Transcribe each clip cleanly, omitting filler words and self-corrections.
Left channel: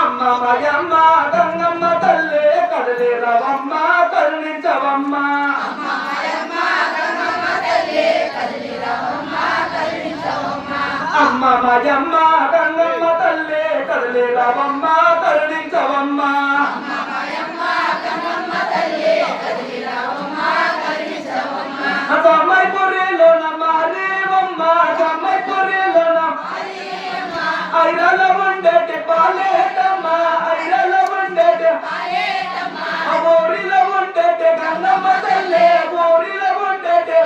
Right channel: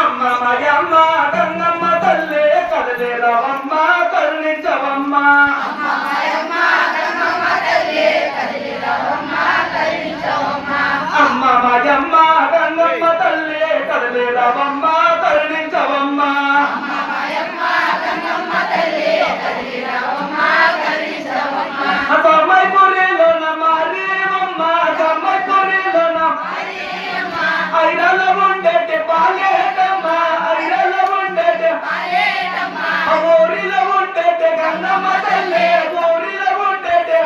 అమ్మ మయమ్మ గంగమ్మ తల్లి కదిలేరవమ్మ కరుణించవమ్మ అమ్మ మయమ్మ గంగమ్మ తల్లి కదిలేరవమ్మ కరుణించవమ్మ సమ్మైపురిలోన మారేవమ్మ సమ్మైపురిలోన ఐరల ఉండేటి పాలేటమ్మ ఐరల ఉండేటి ఊరిలో ఉండేటి గంగమ్మ తల్లి ఊరిలో ఉండేటి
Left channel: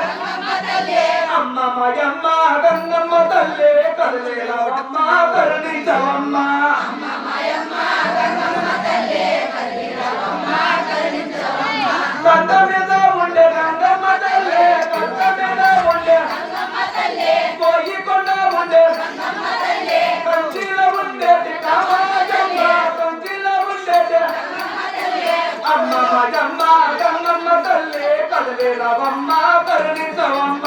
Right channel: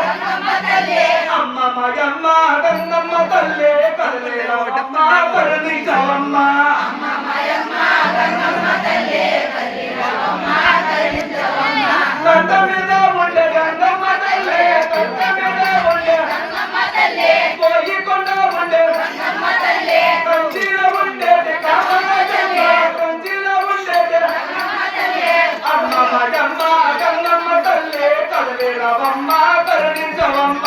అమ్మ మయమ్మ గంగమ్మ తల్లి కదిలేరవమ్మ కరుణించవమ్మ కంట మీద ఉండే గంగమ్మ తల్లి కంట మీద ఉండే పోయికొండ ఉండే కంచిలో ఉండేటి కామాజమ్మ కంచిలో ఉండేటి అమ్మ మగమ్మ గంగమ్మ తల్లి కదిలేరవమ్మ కరుణించవమ్మ